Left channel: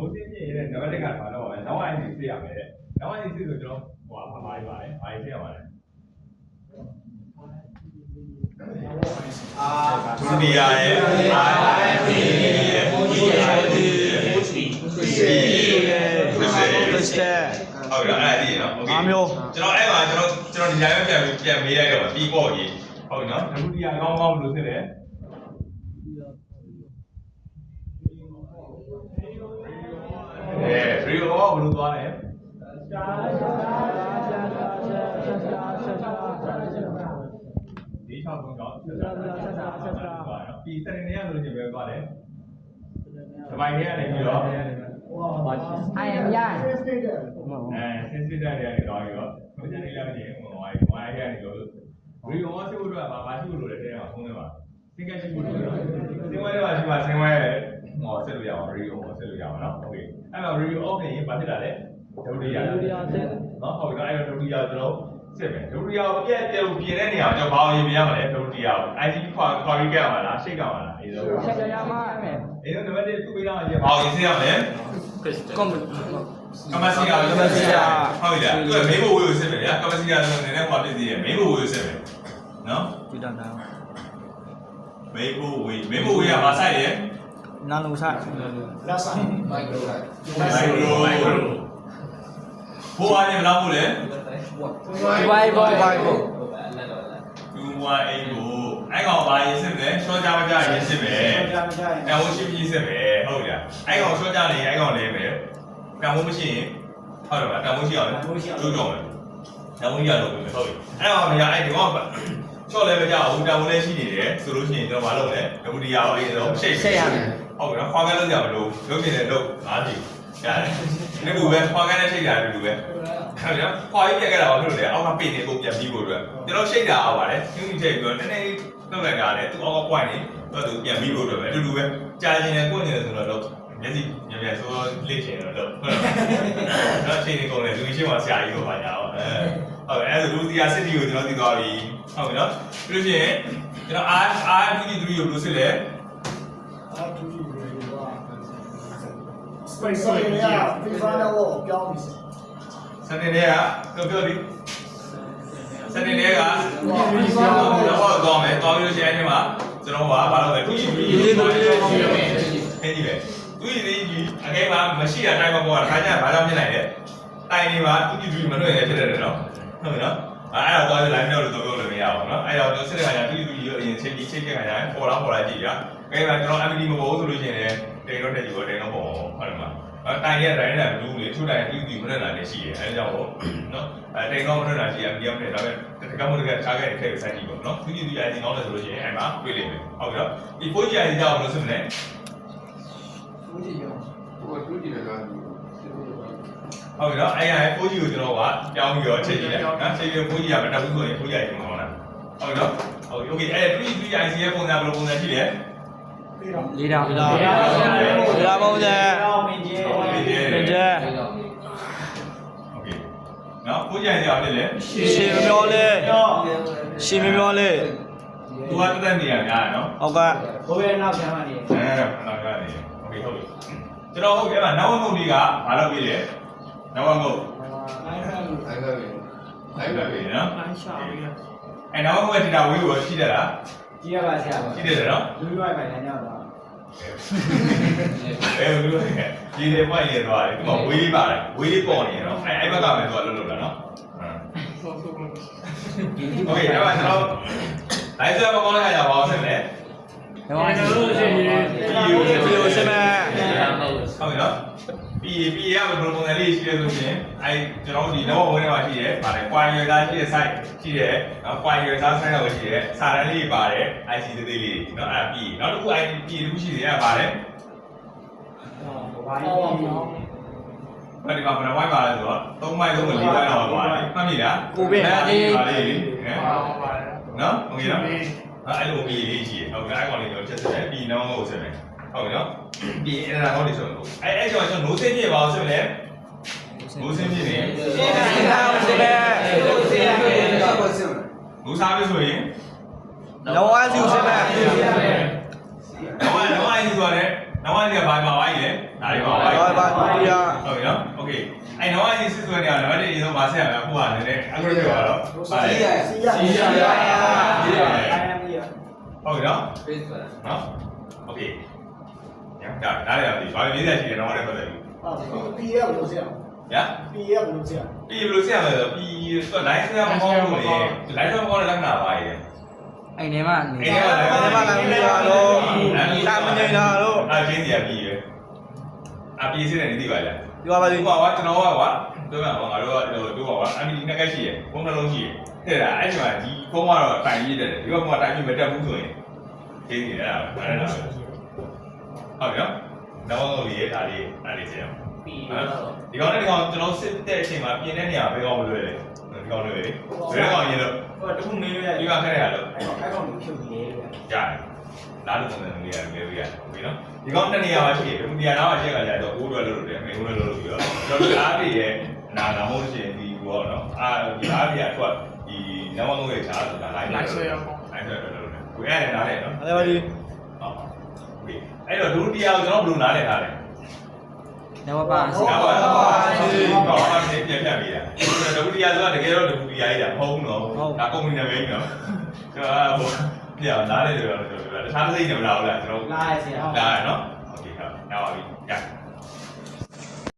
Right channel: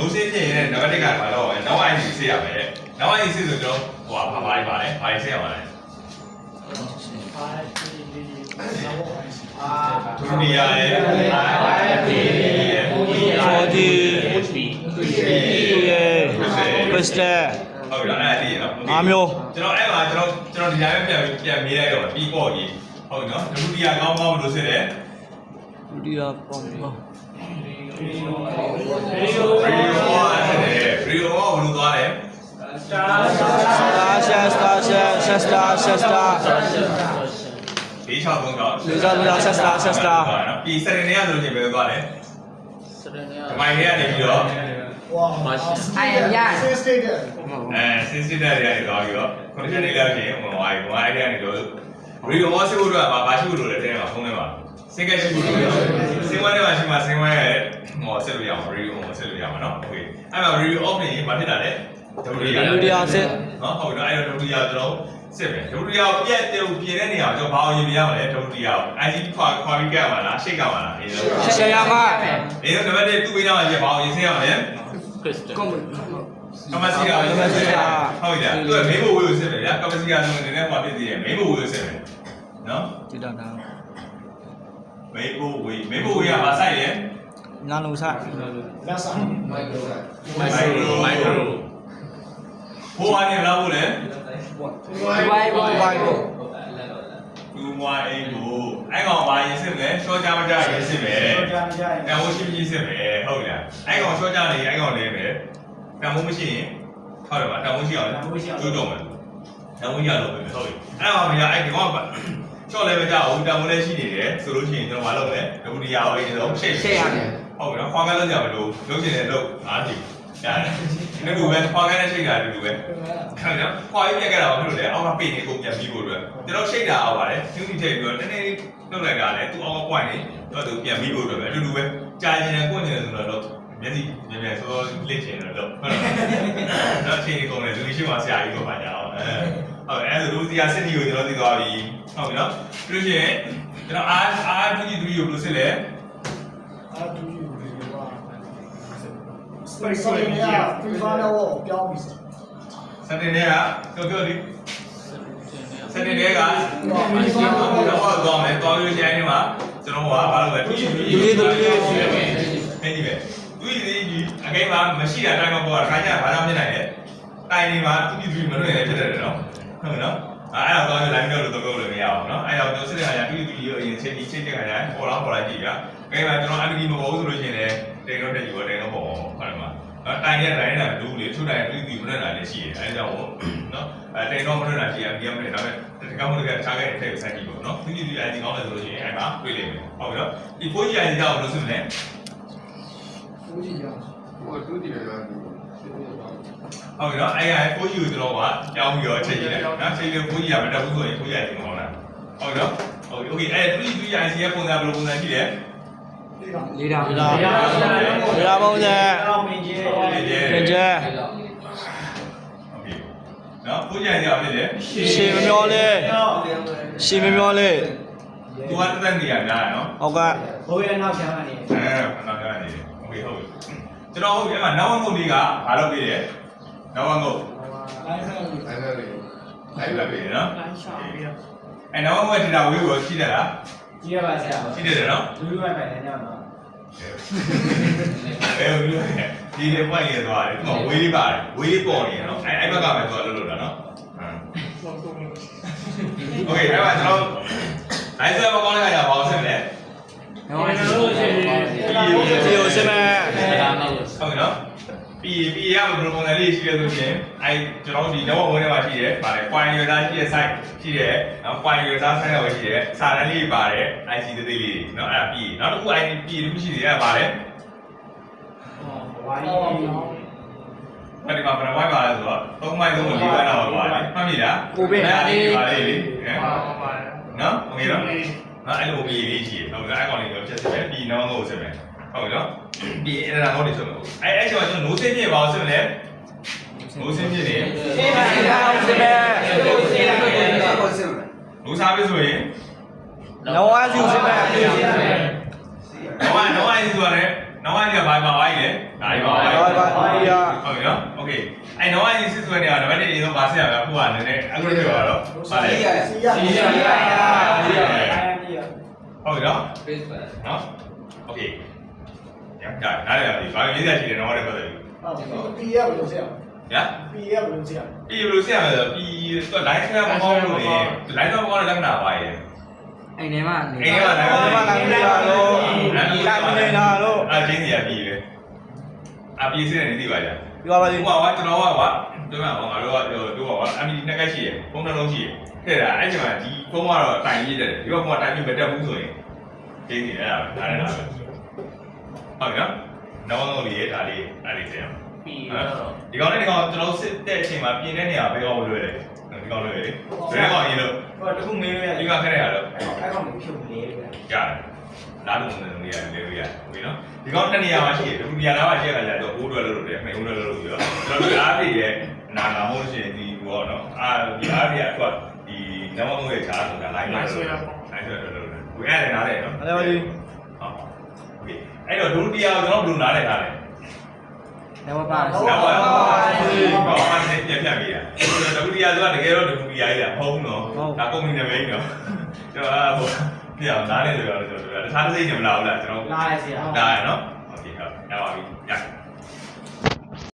နိုးစင်းဖြစ်ရင်နံပါတ်1ကဘာလို့လဲနောက်အိုင်စီစစ်ရမယ်နောက်အိုင်စီဆိုကျွန်တော်ဟိုဘာပါလဲဘာစစ်ရမှာလဲဒုတိယရဲ့ IIP ရဲ့ EID ရဲ့ Crystal ဟုတ်ပြီအဲ့ဒါသိရနော်အားမျိုးကျွန်တော်အဲ့မှာကျွန်တော်ဒီတိုင်းပြန်မေးလိုက်တော့ပြီးပေါ့ကြီးဟုတ်နော်ဒုတိယကောင်းဘယ်လိုစစ်လဲဒုတိယပေါ့ Rio ဘယ်လိုသွားလဲဒီချောင်းကောင်းပြီးစနေနေ့ကဆိုရင်ဘယ်လိုသွားလဲဒီမိုင်းထဲကနေပြီးတော့sensitive တွေကနေသွားပြီးတော့ condition တွေလည်းပြင်ဟိုအဲ့ဒီကနေတော့ Rio ရှိဖို့တော့ဘာရှိဖို့လို့လဲတဲ့မှာဖုန်းထဲမှာစင်ကရှိဖို့လို့စင်ဝဲထဲမှာရှိမှာစင်ဝဲရဲ့ဟောဆက်လို့ရအောင် Rio ဆက်လို့ရမှာနော် okay အဲ့မှာ Rio off နေရင်ဘာဖြစ်တာလဲဒုတိယစစ်နော်ဟုတ်ပြီနော်အဲ့တော့ဒုတိယကျွန်တော်စစ်မယ်ဒုတိယကိုပြက်တဲ့ပြင်တဲ့နေရာကျွန်တော်ဘာအောင်ရင်ပြရမှာလဲဒုတိယကို ICP ခွာပြီးကြရမှာလားရှိတ်ကြမှာလားအေးတော့ရှယ်ရမှာအေးတော့နံပါတ်1သူ့ပေးတော့ရင်ဘာအောင်ရင်စစ်ရမှာလဲကမ္ဘာစီယာဟုတ်ပြီလားသူကမေးဖို့ဝေးကိုစစ်မယ်ဗျာကမ္ဘာစီယာဆိုရင်လည်းဟောဖြစ်သေးတယ်မေးဖို့ဝေးကိုစစ်မယ်နော်ဒီတော့ဒါမေးဖို့ဝေးကဘာဆိုင်လဲနာလုံးဆိုင်လက်ဆိုင်မိုက်ခရိုဟိုအနေမလားဘူးလေဝိုင်ဘော2 1 8ကိုအဲ့ကောင်ဘာရေးစစ်မလဲရှော့ကြမကြရေးစစ်မယ်ကံမိုးရှိပြီးစစ်မယ်ဟုတ်လားအဲ့ကောင်ရှော့ကြနေအဲ့ကောင်လေးပဲကံမိုးမရှိရင်ဟုတ်တယ်ဗျာကံမိုးရှိအောင်ကျိုးတော့မယ်ကံမိုးရလို့ပဲဟုတ်ပြီအဲ့ကောင်ကအဲ့ဒီကောင်ရှော့လည်းမကြဘူးကံမိုးလည်းရှိနေတယ်ဆိုလို့ရှိရင်ကျွန်တော်မလုပ်နဲ့ဒုတိယအောင်လေးတော့ရှိတ်ရမယ်ဟုတ်ပြီနော်ခွာကလုံးကြမလို့လုပ်နေတယ်လို့အားကြည့်ရတယ်ဒီလိုပဲခွာကတဲ့ချိန်တာဒီလိုပဲဟုတ်ကဲ့ခွာရေးပြက်ခဲ့တာဘာဖြစ်လို့လဲအောက်ကပိတ်နေကုန်ပြန်ပြီးဖို့အတွက်ကျွန်တော်ချိန်တာအောင်ပါတယ်ကျူးတီချိန်ပြီးတော့တနေ့နှုတ်လိုက်တာလေသူ့အောက်ကပွိုင်းနေတော့သူပြန်ပြီးဖို့အတွက်ပဲအတူတူပဲကြာရင်လည်းကိုယ်နေတယ်ဆိုတော့မျက်စိမြဲဆိုလစ်ချင်တော့ဟုတ်တော့ချိန်နေကုန်တယ်လူကြီးရှိမှဆရာကြီးကိုပါကြအောင်ဟုတ်အဲ့ဒါဆိုလူစီယာစစ်တီကိုကျွန်တော်သိသွားပြီဟုတ်ပြီနော်ပြီးလို့ရှိရင်ကျွန်တော် R2G3 ကိုဘယ်လိုစစ်လဲSpace ဆိုရင်ပြပါတော့ပြောင်းပြီစနေနေ့ကတော့ပြောလိစနေနေ့ကတော့တော့မယ်တော်ပြီးချိန်နေမှာကျွန်တော်ကဘာလို့လဲသူကြီးသူကြီးဟဲ့ဒီပဲသူကြီးအကိမ်းမှာမရှိတာတိုင်းမှာပေါ်တာခါကျဘာကြောင့်ဖြစ်နိုင်လဲတိုင်နေမှာသူကြီးမလွင့်ရဖြစ်တယ်နော်ဟုတ်နော်အဲ့တော့တော့ line တော့လို့ပြောလို့မရအောင်နော်အဲ့တော့စစ်တဲ့ခါကျသူကြီးကိုအရင်ချိန်ချိန်တဲ့ခါကျပေါ်လာကြည့်ရအကိမ်းမှာကျွန်တော် activity မပေါ်ဘူးဆိုလို့ရှိရင်လည်းတိန်တော့တက်ကြည့်ပါတိန်တော့ပေါ်ဟုတ်တယ်မှာတိုင်ရတိုင်းတာဘူးလေသူ့တိုင်သူမလွင့်လာလည်းရှိတယ်အဲဒါကြောင့်နော်တိန်တော့မလွင့်လာရှိရင်ဒီကမနဲ့ဒါပေမဲ့တကမကထားခဲ့တဲ့ထည့်ဆိုင်ကြည့်ပါနော်သူကြီးသူကြီးကောင်းတယ်ဆိုလို့ရှိရင်အဲ့မှာတွေ့လိမ့်မယ်ဟုတ်ပြီနော်ဒီဖိုးကြီးအရင်ကြောက်လို့ဆိုမလဲဖိုးကြီးရောဟိုတူးကြည့်ရတော့ဟုတ်ပြီနော်အဲ့ရဖိုးကြီးကိုကျွန်တော်ကကြောင်းပြီးတော့ချိန်ကြည့်လိုက်နော်ချိန်ပြီးဖိုးကြီးကမတက်ဘူးဆိုရင်ဖိုးကြီးအရင်ကောင်းတာဟုတ်ပြီနော်ဟုတ်ပြီโอเคအဲ့တူကြီးသူကြီး IC ရဲ့ပုံစံဘယ်လိုပုံစံရှိလဲလေးတာပုံစံမင်းကျဲโอเคနော်ဖိုးကြီးအရင်ဖြစ်လေရှေမမျောလေသူကတက်နေရများနော်ဟုတ်ကဲ့ဘိုးရဲ့နောက်ချမ်းကနေနောက်ချမ်းနေโอเคဟုတ်ပြီကျွန်တော်ဟုတ်ပြီအဲ့မှာနောက်ဝငုတ်လေးကဘာလုပ်ပေးလဲနောက်ဝငုတ်လိုက်ပဲနော်အဲ့နောက်ဝငုတ်ထီတာဝေးကိုရှိတယ်လားကြည့်ရပါဆရာရှိတယ်နော်လူလူရိုက်ပိုင်နေတော့လူလူဒီလေပွိုင်းရသွားတယ်ဒီကဝေးလေးပါတယ်ဝေးလေးပေါ်နေရနော်အဲ့ဘက်ကပဲသွားလှုပ်တာနော်โอเคအဲ့မှာကျွန်တော်လိုက်စရာမကောင်းတဲ့ခါကျဘာအောင်ဆက်မလဲဒီလိုစစ်မယ်ဟုတ်ပြီနော်ပြီးရမဘယ်လိုပုံစံလေးရှိလဲဆိုရင်အဲကျွန်တော်ဒီနောက်ဝင်းထဲမှာရှိတယ်ဗါလဲ point user ရှိတဲ့ site ရှိတယ်နော် point user site ရောက်ရှိတယ်စာတန်းလေးပါတယ် IC သေးသေးလေးနော်အဲ့ပြီးနောက်တစ်ခု ID ပြီးလို့ရှိသေးတယ်ဗါလဲဘာဒီမှာဘယ်နှဝိုင်းပါလဲဆိုတော့3မိုင်3မိုင်4မိုင်လောက်ပါလေမှတ်မိလားကိုပဲပါလေလေနော်โอเคနော်အဲ့လိုပြီးလေးရှိတယ်ဟုတ်ကဲ့အဲ့ကောင်လေးတော့ချက်ချက်ပြီးနောက်ကိုဆက်မယ်ဟုတ်ပြီနော်ပြီးအဲ့ဒါကောင်းနေဆိုလို့အဲ့ကျွန်တော်နိုးစင်းပြပါအောင်ဆိုလဲနိုးစင်းပြနေနိုးစားပြီဆိုရင်လောဝါစီစစ်မယ်လောဝါစီဆိုရတယ် နောက်ပိုင်းကဘာပါပါလဲဒါလေးပါပါ Rồi ba kia. ဟုတ်ပြီနော်โอเคအဲ့နောက်ပိုင်းစစ်ဆွဲနေတာနံပါတ်1အရင်ဆုံးဗာဆက်ရမယ်အခုကလည်းနည်းအခုတွေ့ပါတော့ဗာလဲဟုတ်ပြီနော် Face ပါ နော်โอเคညဒါနားရပြီဘာလို့40ရှိတယ်တော့လည်းပတ်သက်ပြီညာပြီးဘယ်လိုဆက်ရမလဲပြီးတော့ line ဆွဲမကောင်းလို့လေ line ဆွဲမကောင်းတဲ့လက္ခဏာပါရဲ့ Anh em à. အဲ့ဒီမှာ line ဆွဲမကောင်းတဲ့လက္ခဏာတော့အဲ့ချင်းစီကပြီးပဲအပြီးစစ်တယ်နေသိပါလား Vô ba đi. ဟိုကကျွန်တော်ကကွာပြောရအောင်ငါတို့ကတို့ကကွာအမီနှစ်ကက်ရှိရယ်ဖုန်းနှလုံးရှိရယ်တဲ့တာအဲ့ဒီမှာဒီဖုန်းကတော့တိုင်ရည်တယ်ဒီဘက်ကတိုင်ပြီးမတက်ဘူးဆိုရင်သိနေရတာပဲအားရတာပဲဟုတ်ပြီနော်နောက်ဆုံးလေးဒါလေးကျန်ပြီးတော့ဒီကောင်နဲ့ဒီကောင်ကျွန်တော်စစ်တဲ့အချိန်မှာပြင်တဲ့နေရာဘယ်ကောင်မလွယ်လဲဒီကောင်လွယ်လေဘယ်ကောင်ရင်လို့တခုမေးရဒီကောင်ခက်ရတော့ကြားလာလို့နေနေရတယ်လေပြီနော်ဒီကောင်တစ်နေရာမှာရှိတယ်ဒီနေရာနားမှာရှိရတာကြတော့အိုးတွေလို့တယ်မေဦးတွေလို့ပြီးတော့ကျွန်တော်အားတွေရဲ့နာနာမဟုတ်ရှင်ဒီဘောနော်ဒီအားတွေအတွက်ဒီနောက်မှမဟုတ်ရဲ့ဈာဆိုတာ line ဆွဲတော့ကိုအဲ့ဒါနားလေနော် Đây ba đi. ဟုတ်โอเคအဲ့တော့ဒုတိယကျွန်တော်ဘယ်လိုနားလဲထားလဲ Đâu ba ba. ဟုတ်ပါဘူး။တော့အဲ့ဒီပြန်ပြပေးတာ။ဒုတိယဆိုတာတကယ်တော့ဒုတိယကြီးတာမဟုတ်ဘူးနော်။ဒါကုမ္ပဏီနာမည်နော်။ကျွန်တော်ဟိုပြအောင်နားလေတယ်ပြောလို့တခြားတစ်စိတ်နေမလာဘူးလားကျွန်တော်လာရနော်။โอเคဟုတ်။ရပါပြီ။ရ